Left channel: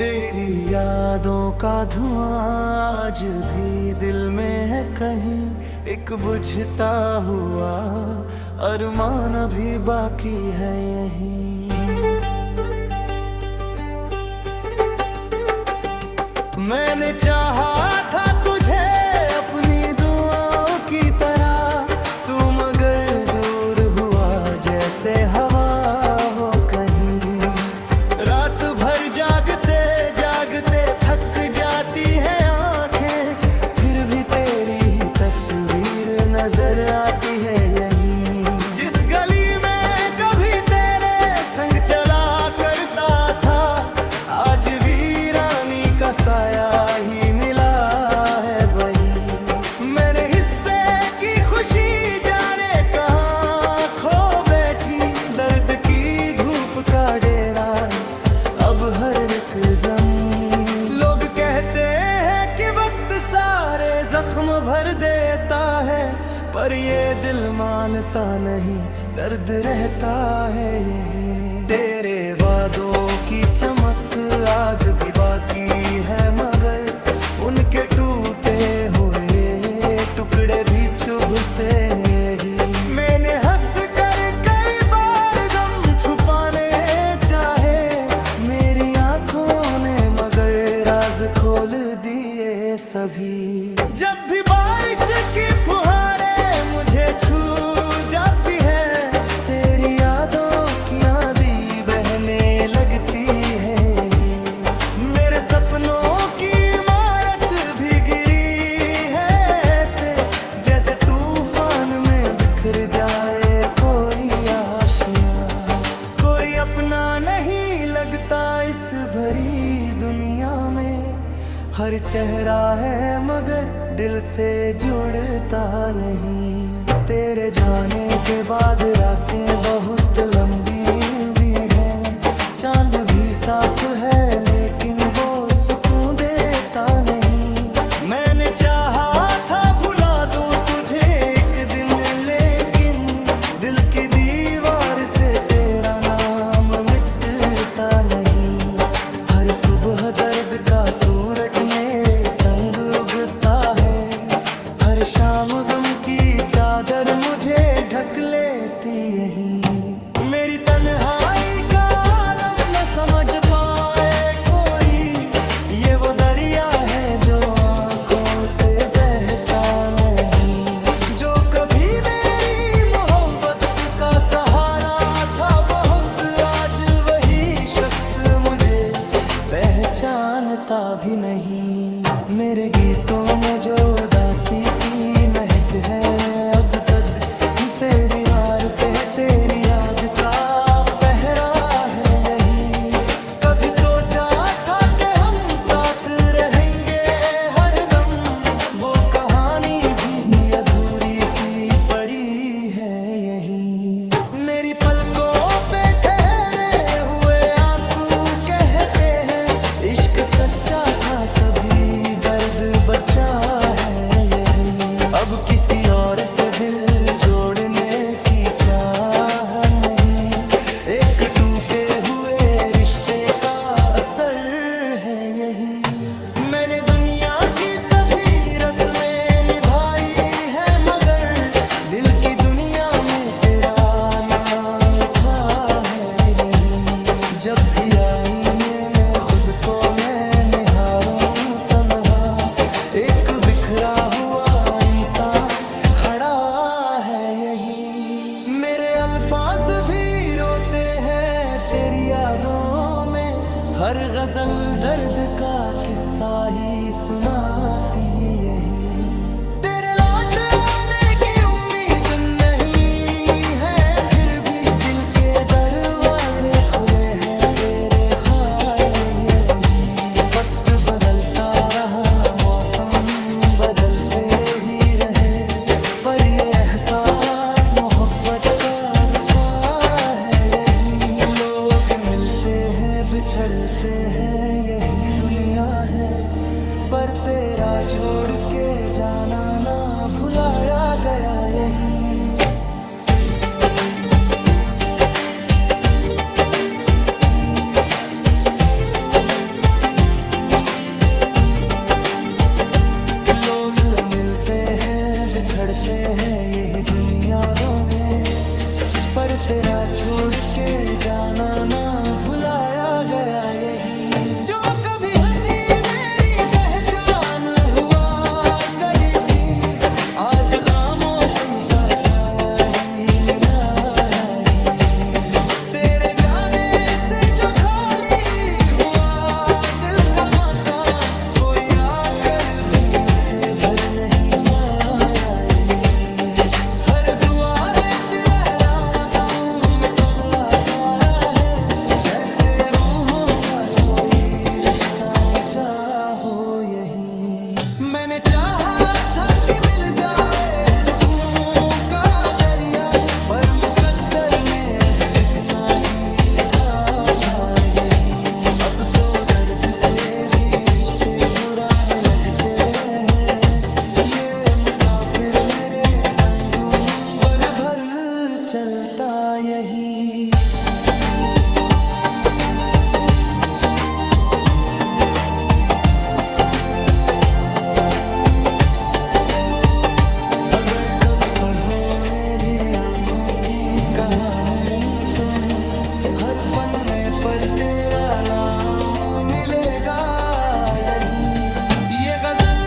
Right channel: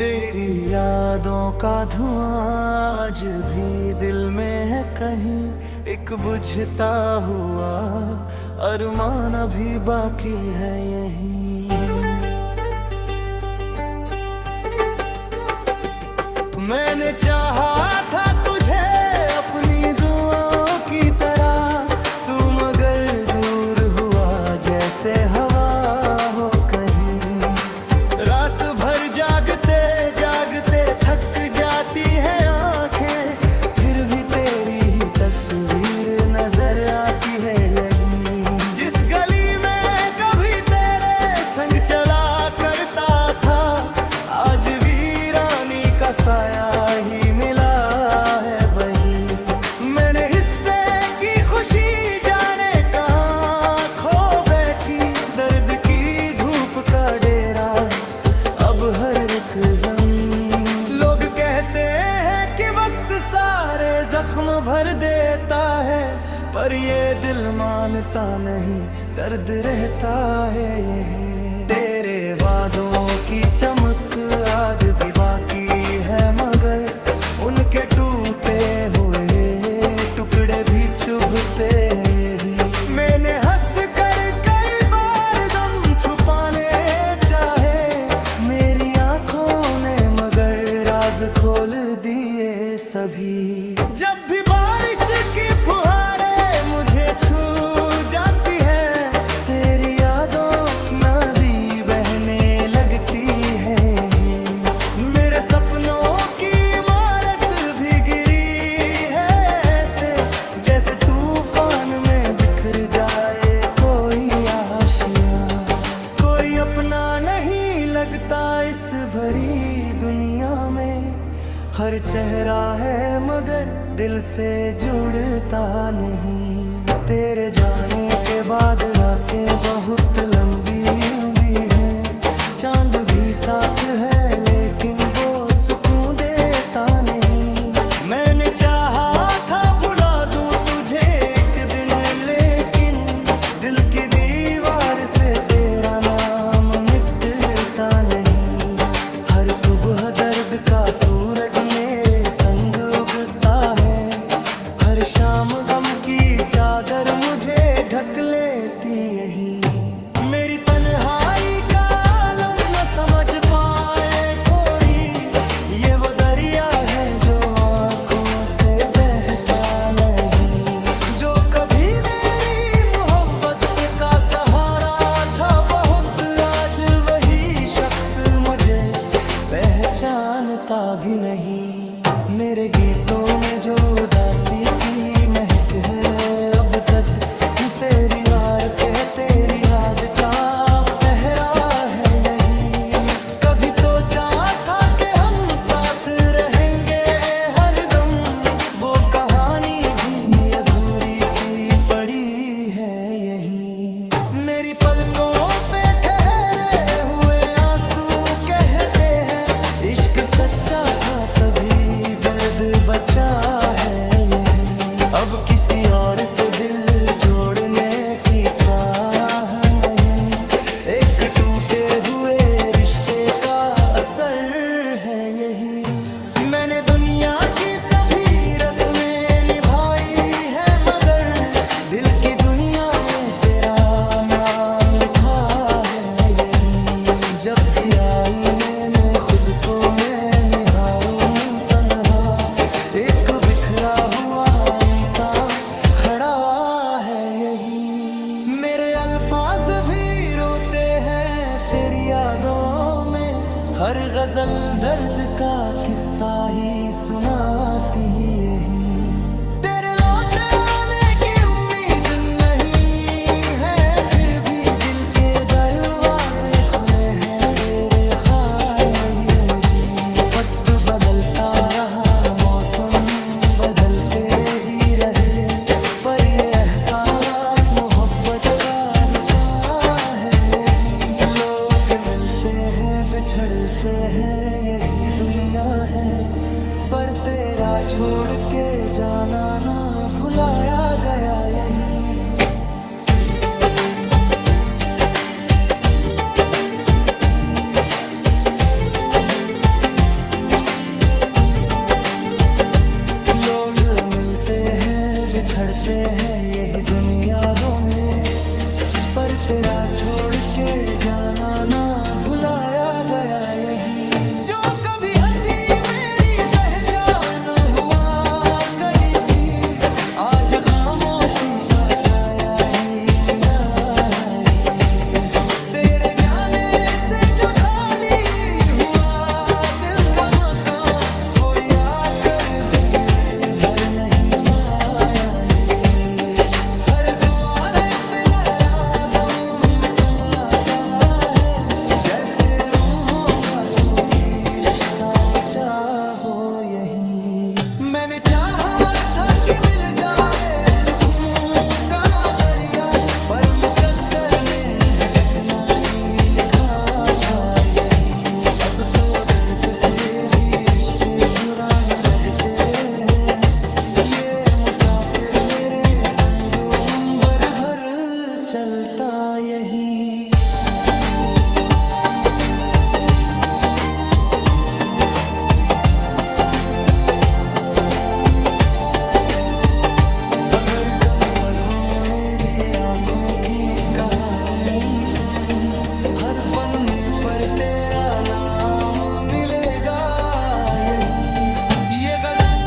तेरी यादों का धुआं आज भी दिल में है कहीं, एक बुझता हुआ अरमान अभी बाकी है यहीं। मैंने चाहा था तुझे अपनी दुआओं की तरह, तू मगर दूर हुआ जैसे हवा हो कहीं। रात भर जागते जागते थक जाती है आंखें, फिर भी तेरी ही तस्वीर नजर आती है यहीं। जिस गली में कभी तेरे संग चला करता था, आज वीरानी का साया ही मिला है वही। मैंने हिस्से की खुशी जाने कहाँ खो बैठी, दर्द की धूप का डेरा अब हर एक ज़मीन। लोग कहते हैं कि वक्त सारे जख्म भर देता है, पर ये दिल मानता नहीं, दर्द रहता है यही। तेरे वादों की चमक आज भी बाकी है, मगर उनके टूटे हुए टुकड़े भी चुभते हैं यही। मैंने हंस कर कई बार गम छुपाने चाहे, मेरी आंखों ने मगर राज खोल दिए सभी। जब भी बारिश की फुहारें मुझे छू जाती है, तेरी यादों की नदी बहने लगती है यही। मेरे सपनों की इमारत भी गिरी है ऐसे, जैसे तूफान में बिखर जाए कोई आशियां। कोई अपना नहीं लगता इस भरी दुनिया में, हर चेहरा है मगर दिल से जुड़ता नहीं। तेरे जाने के बाद रातें बहुत लंबी भी हैं, चांद भी साथ है लेकिन वो सुकून देता नहीं। मैंने चाहा था भुला दूं तुझे एक दिन, लेकिन दिल की दीवार से तेरा नाम मिटता नहीं। हर सुबह दर्द का सूरज मेरे संग उगता है, हर शाम गम की चादर मुझे ढक लेती यही। मेरी तन्हाई का आलम न समझ पाए कोई, ये वो दरिया है जो आंखों से बहता नहीं। जो कभी मेरी मोहब्बत का सहारा था बहुत, आज वही शख्स मुझे पहचानता भी नहीं। मेरे गीतों में जो उदासी की महक है, अब तक तेरी वार पे है, तेरी याद का पहरा है यही। कभी सोचा था कि हम साथ रहेंगे हरदम, वो कहानी भी अधूरी सी पड़ी है यही। मेरी पलकों पे ठहरे हुए आंसू कहते हैं, इश्क सच्चा था तभी दर्द बचा है यही। अब किसी और से दिल जोड़ने की चाह नहीं, एक टूटे हुए रिश्ते का असर है यही। मैंने दुनिया की सभी रस्में निभाई है, मगर दिल की दुनिया में तेरा नाम लिखा है यही। जब भी आईने में खुद को मैं निहारूं तन्हा, एक बिखरा हुआ इंसान खड़ा है यही। मेरे अल्फाज भी रोते हैं तेरी यादों में, हर गजल दर्द का किस्सा ही सुनाती यही। तेरे लौट आने की उम्मीद नहीं है, फिर भी दिल के दरवाजे खुले हैं तेरे ख्याल यही। वक्त बदलता रहा, मौसम बदलते ही रहे, पर ये एहसास मोहब्बत का रुका है यही। लोग मिलते हैं बिछड़ते हैं, यही दुनिया है, पर तेरा छोड़ के जाना ना भुलाया गया यही। बिछड़ते हैं यही दुनियाओं में, पर तेरा छोड़ के जाना ना भुलाया गया यही। जो कभी हंसी मेरी पहचान हुआ कड़ी थी, आज खामोशी का साया ही मिला ही। तेरे जाने से जो खाली हुआ दिल का मकान, कोई आकर भी उसे भर नहीं पाया ही। हर दुआ है तेरा दम में तनला तारा है, जैसे रूहों का कोई रिश्ता बचा हो यही। मैंने चाहा था कि मिल जाए सुकून का दरिया, पर मुकद्दर में भटकना ही लिखा था यही। अब तो दर्द से भी रिश्ते पुराने लगते हैं, ये मुसाफिर मेरे संग उम्र भर चलता यही। अगर कभी पढ़ो मेरी आंखों की कहानी तुम, हर पन्ने पर तेरा नाम मिलेगा यही। ये गजल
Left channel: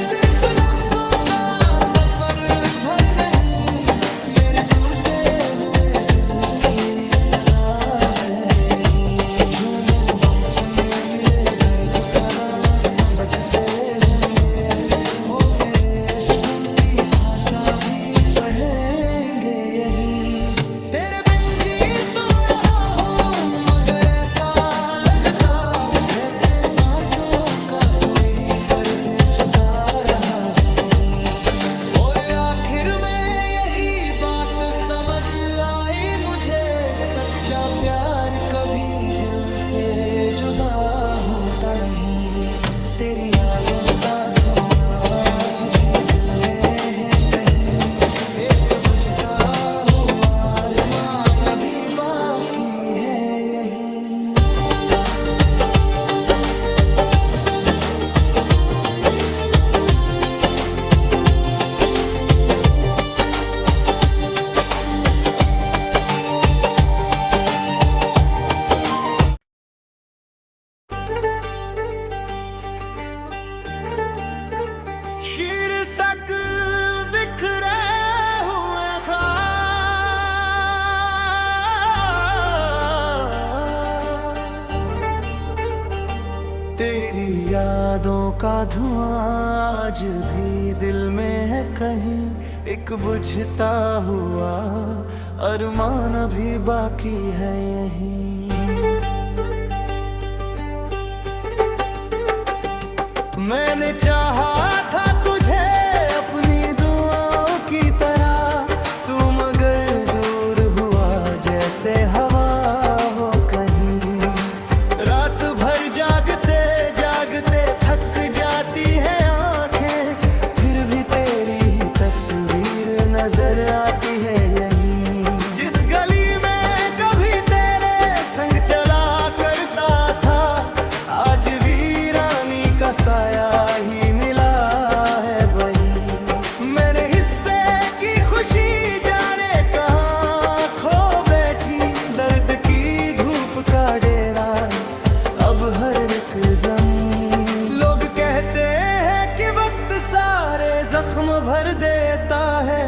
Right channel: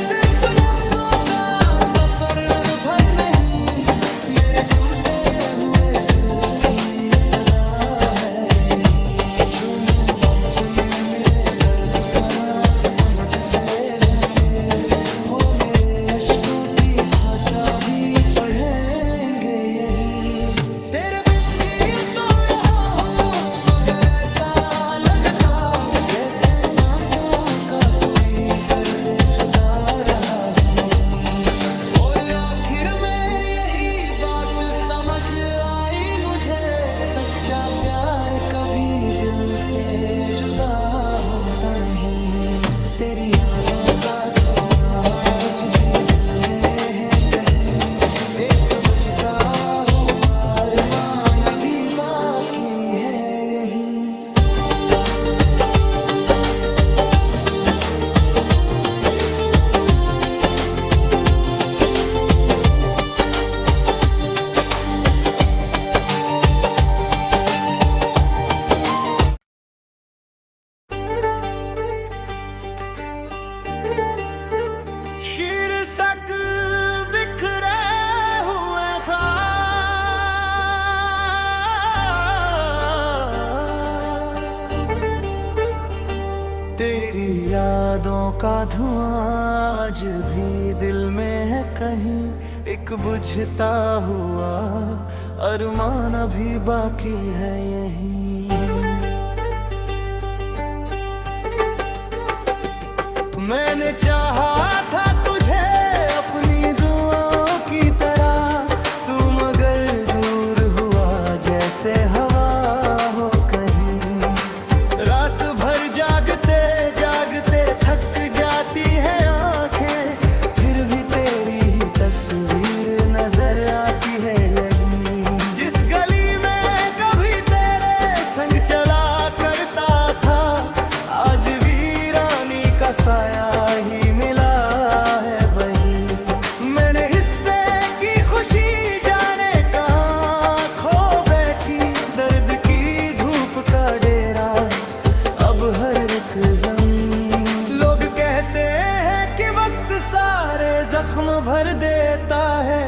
सिर्फ लफ्जों का सफर भर नहीं, मेरे टूटे हुए दिल की सदा है यही। जो मुँह वक्त में मिले दर्द भरा समझते होंगे, वो मेरे अश्कों की भाषा भी पढ़ेंगे यही। तेरे बिन जी तो रहा हूँ, मगर ऐसा लगता जैसे सांसों का कोई कर्ज जुदा रहा नहीं। और आखिर में यही बात समझ आई मुझे, सच्चा प्यार कभी दिल से जुदा होता नहीं। तेरी यादों का धुआं आज भी दिल में है कहीं, एक बुझता हुआ अरमान अभी बाकी है यही। शीर्षक बिखरे हुए तेरी यादों का धुआं आज भी दिल में है कहीं, एक बुझता हुआ अरमान अभी बाकी है यही। मैंने चाहा था तुझे अपनी दुआओं की तरह, तू मगर दूर हुआ जैसे हवा हो कहीं। रात भर जागते जागते थक जाती है आंखें, फिर भी तेरी ही तस्वीर नजर आती है यहीं। जिस गली में कभी तेरे संग चला करता था, आज वीरानी का साया ही मिला है वही। मैंने हिस्से की खुशी जाने कहाँ खो बैठी, दर्द की धूप का डेरा अब हर एक ज़मीन। लोग कहते हैं कि वक्त सारे जख्म भर देता है,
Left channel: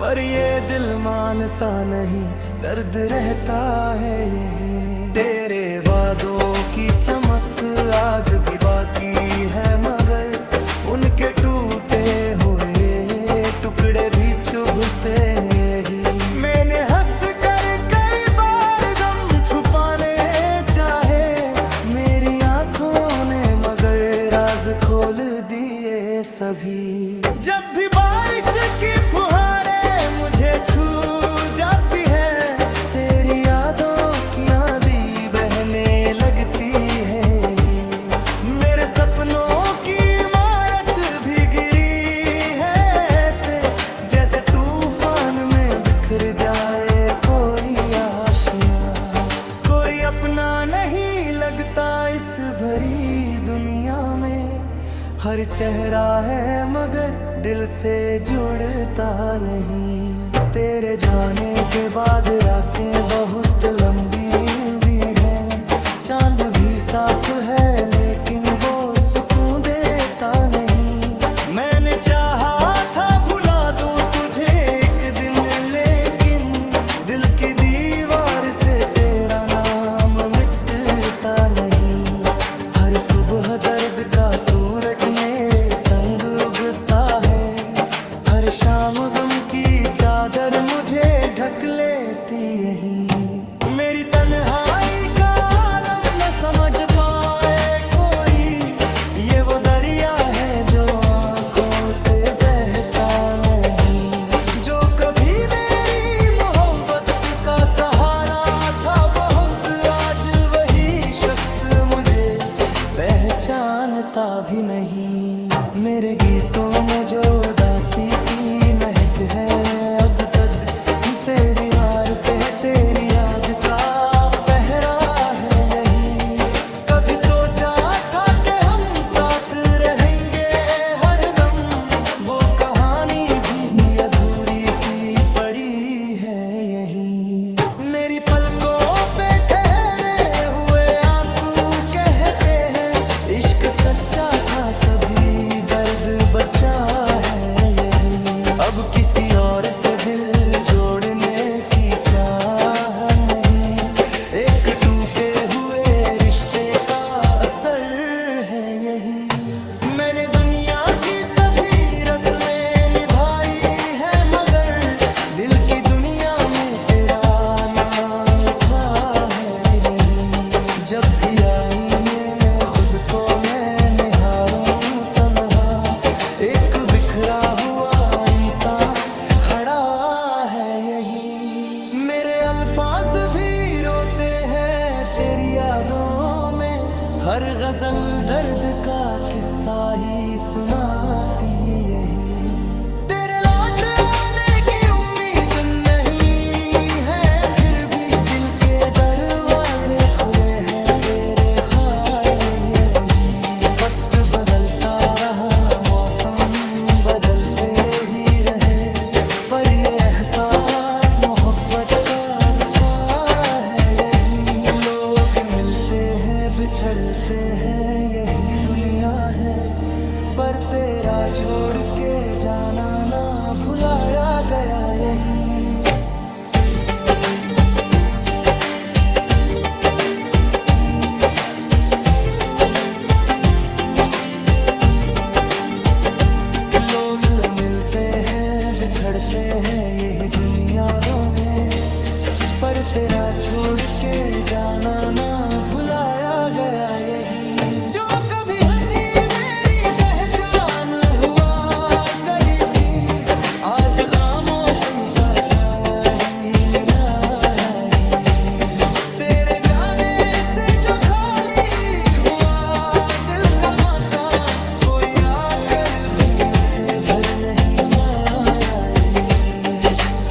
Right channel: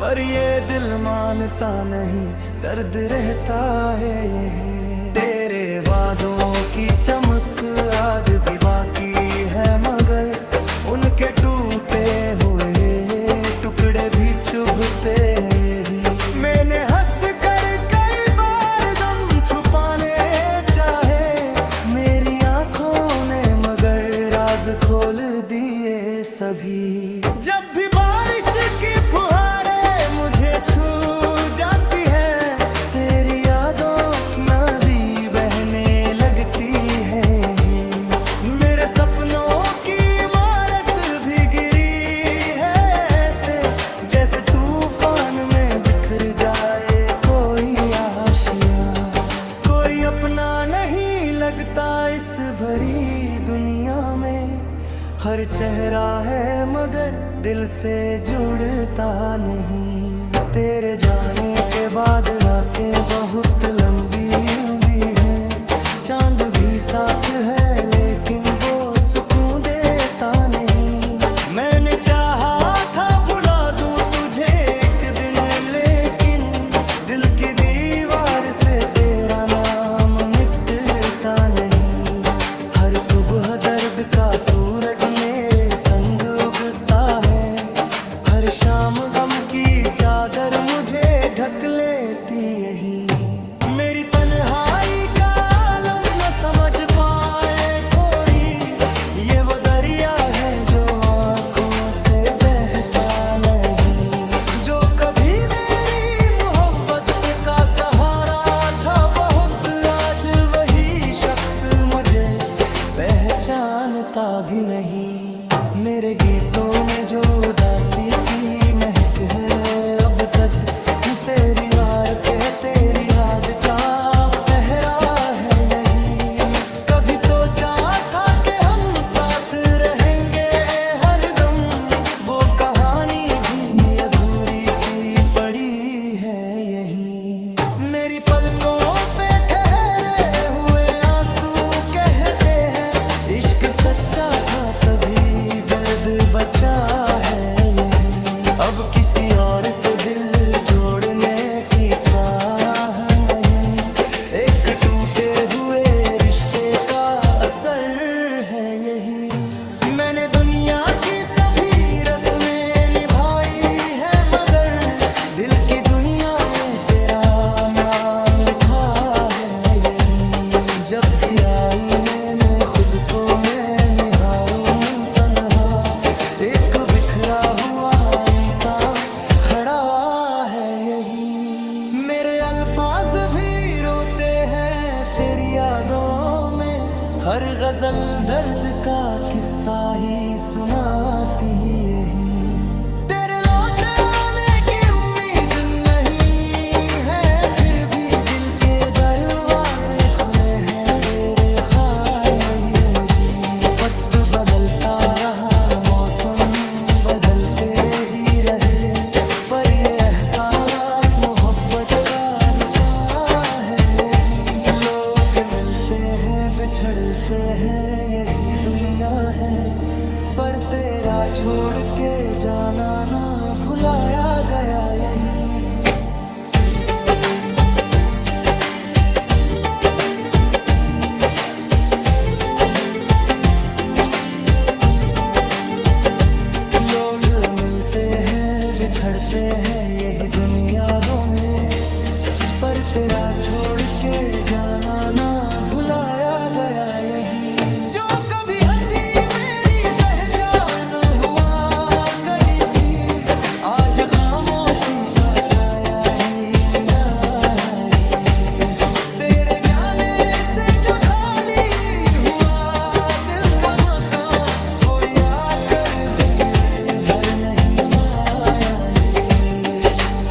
पर ये दिल मानता नहीं, दर्द रहता है यही। तेरे वादों की चमक आज भी बाकी है, मगर उनके टूटे हुए टुकड़े भी चुभते हैं यही। मैंने हंस कर कई बार गम छुपाने चाहे, मेरी आंखों ने मगर राज खोल दिए सभी। जब भी बारिश की फुहारें मुझे छू जाती है, तेरी यादों की नदी बहने लगती है यही। मेरे सपनों की इमारत भी गिरी है ऐसे, जैसे तूफान में बिखर जाए कोई आशियाँ। कोई अपना नहीं लगता इस भरी दुनिया में, हर चेहरा है मगर दिल से जुड़ता नहीं। तेरे जाने के बाद रातें बहुत लंबी भी हैं, चांद भी साथ है लेकिन वो सुकून देता नहीं। मैंने चाहा था भुला दूं तुझे एक दिन, लेकिन दिल की दीवार से तेरा नाम मिटता नहीं। हर सुबह दर्द का सूरज मेरे संग उगता है, हर शाम गम की चादर मुझे ढक लेती यही। मेरी तन्हाई का आलम न समझ पाए कोई, ये वो दरिया है जो आंखों से बहता नहीं। जो कभी मेरी मोहब्बत का सहारा था बहुत, आज वही शख्स मुझे पहचानता भी नहीं। मेरे गीतों में जो उदासी की महक है, अब तक तेरी वार पे है, तेरी याद का पहरा है यही। कभी सोचा था कि हम साथ रहेंगे हरदम, वो कहानी भी अधूरी सी पड़ी है यही। मेरी पलकों पे ठहरे हुए आंसू कहते हैं, इश्क सच्चा था तभी दर्द बचा है यही। अब किसी और से दिल जोड़ने की चाह नहीं, एक टूटे हुए रिश्ते का असर है यही। मैंने दुनिया की सभी रस्में निभाई है, मगर दिल की दुनिया में तेरा नाम लिखा है यही। जब भी आईने में खुद को मैं निहारूं तन्हा, एक बिखरा हुआ इंसान खड़ा है यही। मेरे अल्फाज भी रोते हैं तेरी यादों में, हर गजल दर्द का किस्सा ही सुनाती यही। तेरे लौट आने की उम्मीद नहीं है, फिर भी दिल के दरवाजे खुले हैं तेरे खाए यही। वक्त बदलता रहा, मौसम बदलते ही रहे, पर ये एहसास मोहब्बत का रुका है यही। लोग मिलते हैं बिछड़ते हैं यही दुनिया है, पर तेरा छोड़ के जाना ना भुलाया गया यही। लोग मिलते हैं बिछड़ते हैं यही दुनियाओं में, पर तेरा छोड़ के जाना ना भुलाया गया यही। जो कभी हंसी मेरी पहचान हुआ कड़ी थी, आज खामोशी का साया ही मिला है ही। तेरे जाने से जो खाली हुआ दिल का मकान, कोई आकर भी उसे भर नहीं पाया ही।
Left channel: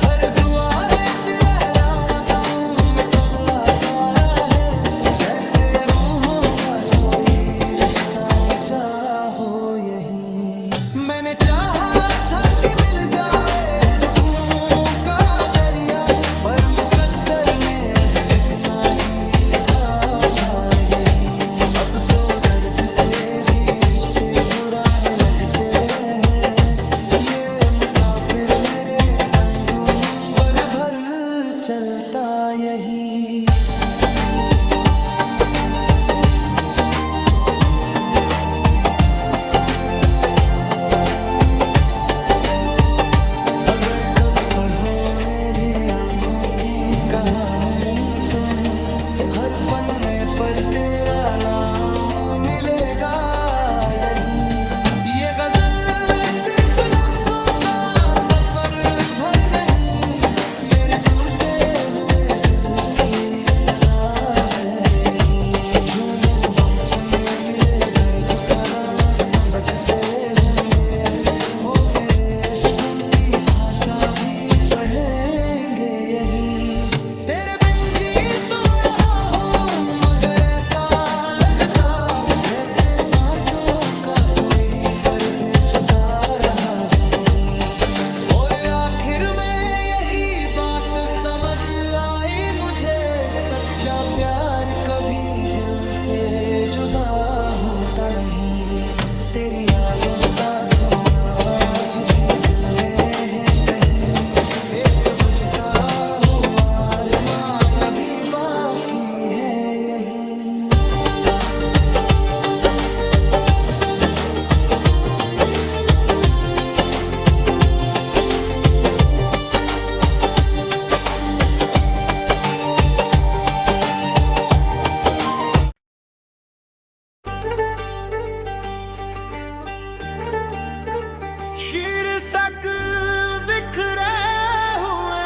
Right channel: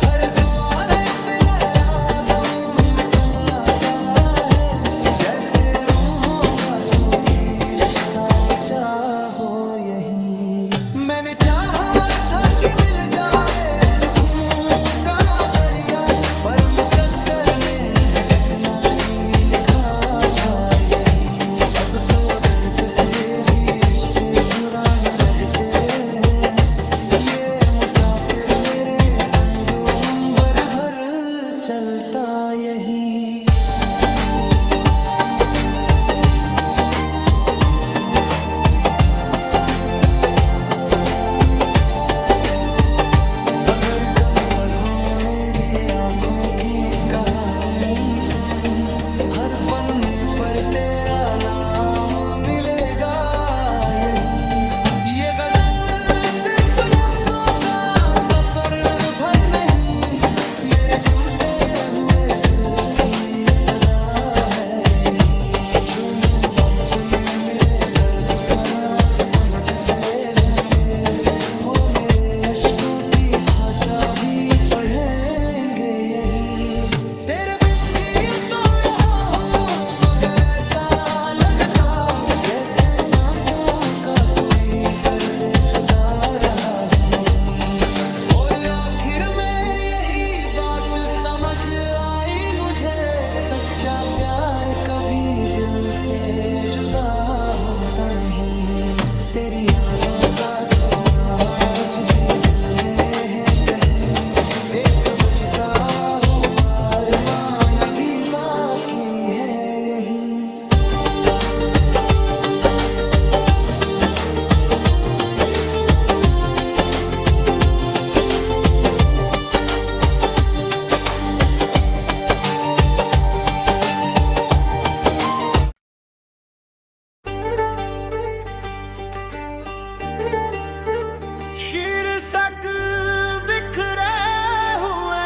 हर दुआ है तेरा दम में तनला तारा है, जैसे रूहों का कोई रिश्ता बचा हो यही। मैंने चाहा था कि मिल जाए सुकून का दरिया, पर मुकद्दर में भटकना ही लिखा था यही। अब तो दर्द से भी रिश्ते पुराने लगते हैं, ये मुसाफिर मेरे संग उम्र भर चलता यही। अगर कभी पढ़ो मेरी आंखों की कहानी तुम, हर पन्ने पर तेरा नाम मिलेगा यही। ये गजल सिर्फ लफ्जों का सफर भर नहीं, मेरे टूटे हुए दिल की सदा है यही। जो मुहब्बत में मिले दर्द का राज समझते होंगे, वो मेरे अश्कों की भाषा भी पढ़ेंगे यही। तेरे बिन जी तो रहा हूँ, मगर ऐसा लगता जैसे सांसों का कोई कभी दिल से जुदा होता नहीं। तेरी यादों का धुआं आज भी दिल में है कहीं, एक बुझता हुआ अरमान अभी बाकी है यहीं। शीर्षक बिखरे हुए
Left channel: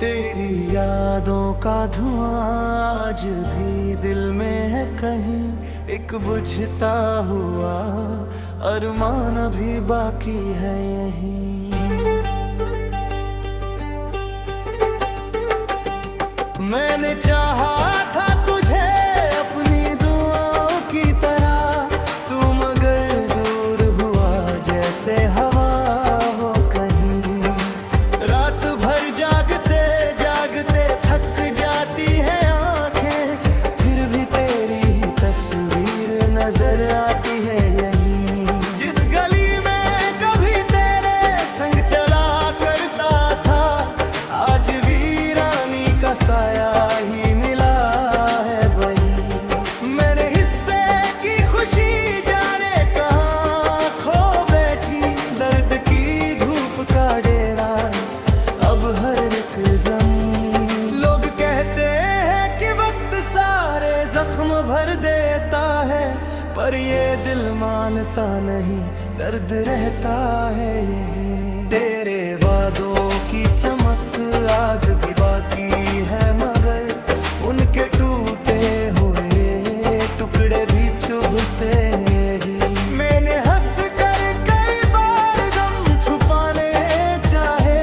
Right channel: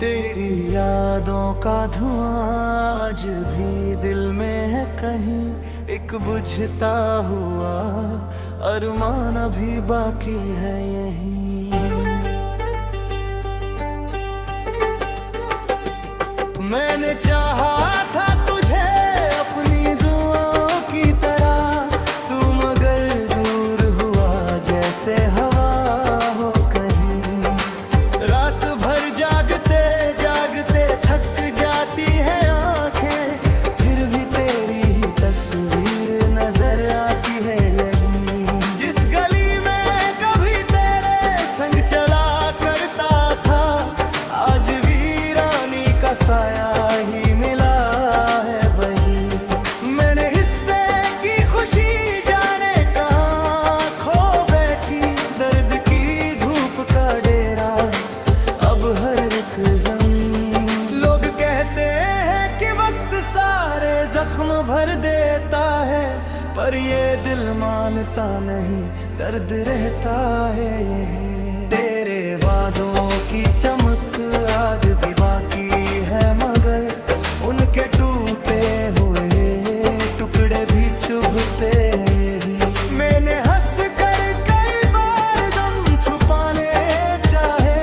तेरी यादों का धुआं आज भी दिल में है कहीं, एक बुझता हुआ अरमान अभी बाकी है यहीं। मैंने चाहा था तुझे अपनी दुआओं की तरह, तू मगर दूर हुआ जैसे हवा हो कहीं। रात भर जागते जागते थक जाती है आंखें, फिर भी तेरी ही तस्वीर नजर आती है यहीं। जिस गली में कभी तेरे संग चला करता था, आज वीरानी का साया ही मिला है वही। मैंने हिस्से की खुशी जाने कहाँ खो बैठी, दर्द की धूप का डेरा अब हर एक ज़मीन। लोग कहते हैं कि वक्त सारे जख्म भर देता है, पर ये दिल मानता नहीं, दर्द रहता है यही। तेरे वादों की चमक आज भी बाकी है, मगर उनके टूटे हुए टुकड़े भी चुभते हैं यही। मैंने हंस कर कई बार गम छुपाने चाहे,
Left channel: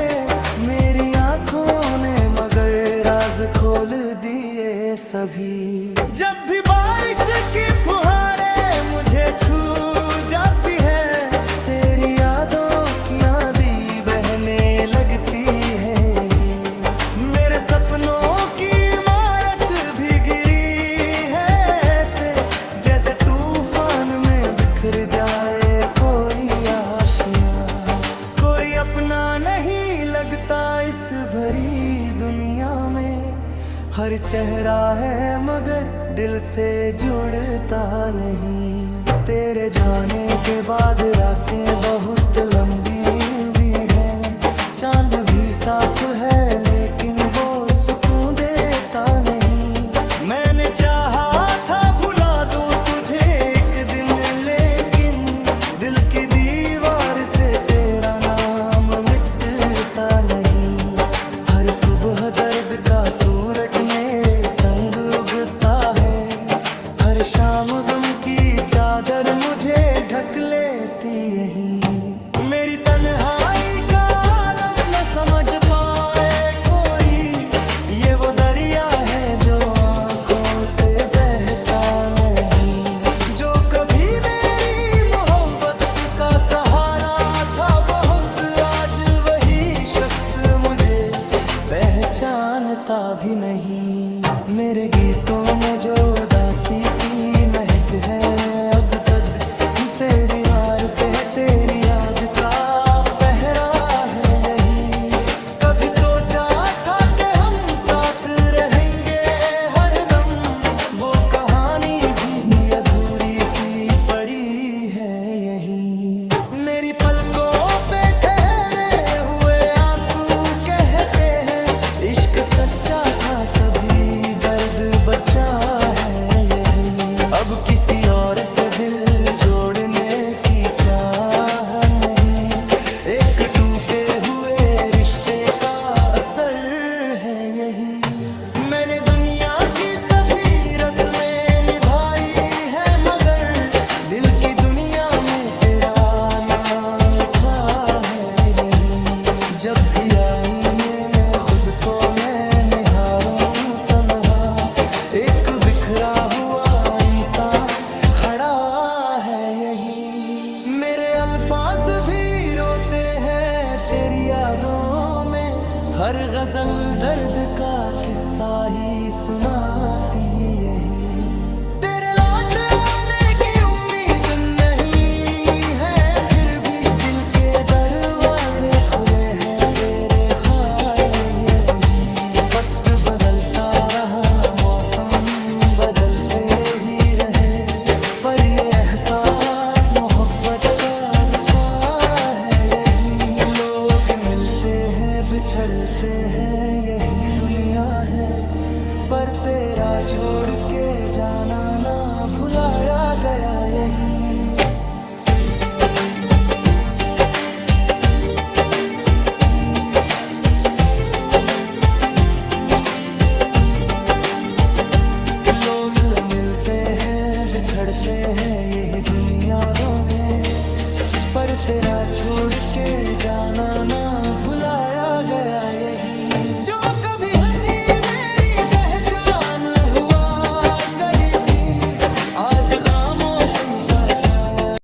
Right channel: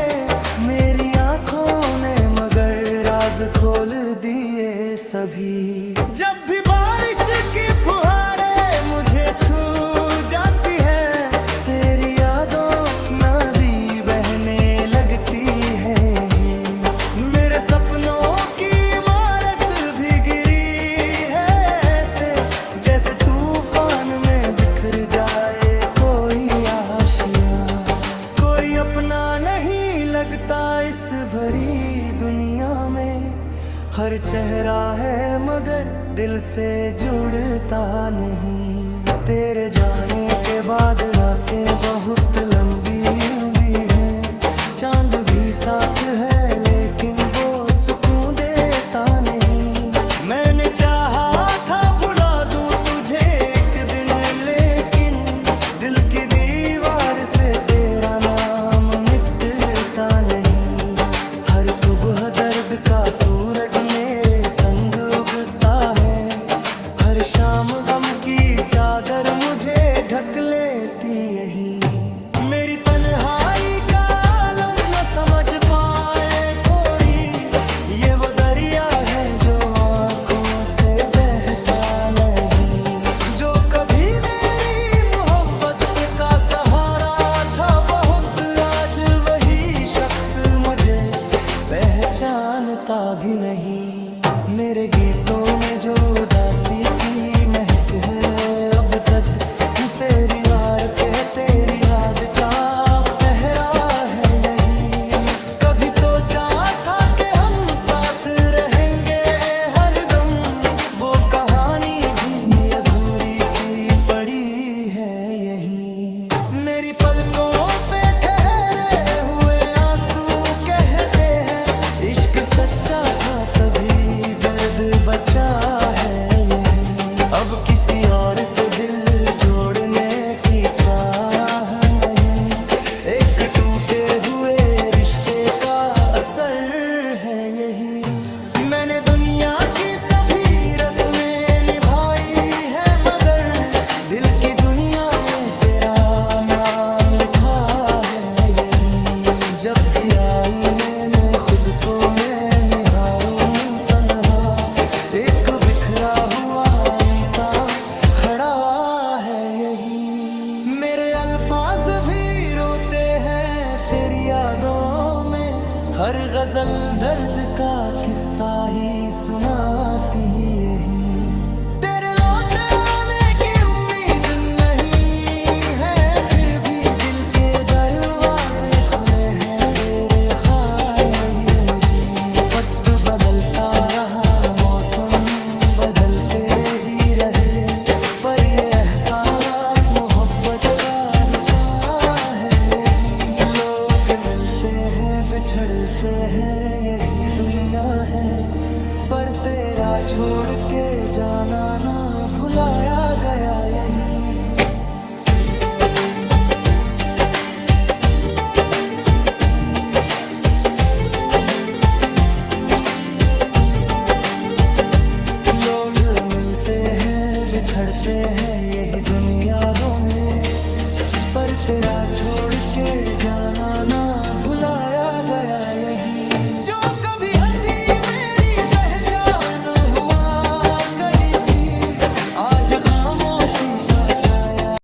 मेरी आंखों ने मगर राज खोल दिए सभी। जब भी बारिश की फुहारें मुझे छू जाती है, तेरी यादों की नदी बहने लगती है यही। मेरे सपनों की इमारत भी गिरी है ऐसे, जैसे तूफान में बिखर जाए कोई आशियां। कोई अपना नहीं लगता इस भरी दुनिया में, हर चेहरा है मगर दिल से जुड़ता नहीं। तेरे जाने के बाद रातें बहुत लंबी भी हैं, चांद भी साथ है लेकिन वो सुकून देता नहीं। मैंने चाहा था भुला दूं तुझे एक दिन, लेकिन दिल की दीवार से तेरा नाम मिटता नहीं। हर सुबह दर्द का सूरज मेरे संग उगता है, हर शाम गम की चादर मुझे ढक लेती यही। मेरी तन्हाई का आलम न समझ पाए कोई, ये वो दरिया है जो आंखों से बहता नहीं। जो कभी मेरी मोहब्बत का सहारा था बहुत, आज वही शख्स मुझे पहचानता भी नहीं। मेरे गीतों में जो उदासी की महक है, अब तक तेरी वार पे है, तेरी याद का पहरा है यही। कभी सोचा था कि हम साथ रहेंगे हरदम, वो कहानी भी अधूरी सी पड़ी है यही। मेरी पलकों पे ठहरे हुए आंसू कहते हैं, इश्क सच्चा था तभी दर्द बचा है यही। अब किसी और से दिल जोड़ने की चाह नहीं, एक टूटे हुए रिश्ते का असर है यही। मैंने दुनिया की सभी रस्में निभाई है, मगर दिल की दुनिया में तेरा नाम लिखा है यही। जब भी आईने में खुद को मैं निहारूं तन्हा, एक बिखरा हुआ इंसान खड़ा है यही। मेरे अल्फाज भी रोते हैं तेरे यादों में हर गजल दर्द का किस्सा ही सुनाती यही। तेरे लौट आने की उम्मीद नहीं है, फिर भी दिल के दरवाजे खुले हैं तेरे ख्याल यही। वक्त बदलता रहा, मौसम बदलते ही रहे, पर ये एहसास मोहब्बत का रुका है यही। लोग मिलते हैं बिछड़ते हैं यही दुनिया है, पर तेरा छोड़ के जाना ना भुलाया गया यही। लोग मिलते हैं बिछड़ते हैं यही दुनियाओं में, पर तेरा छोड़ के जाना ना भुलाया गया यही।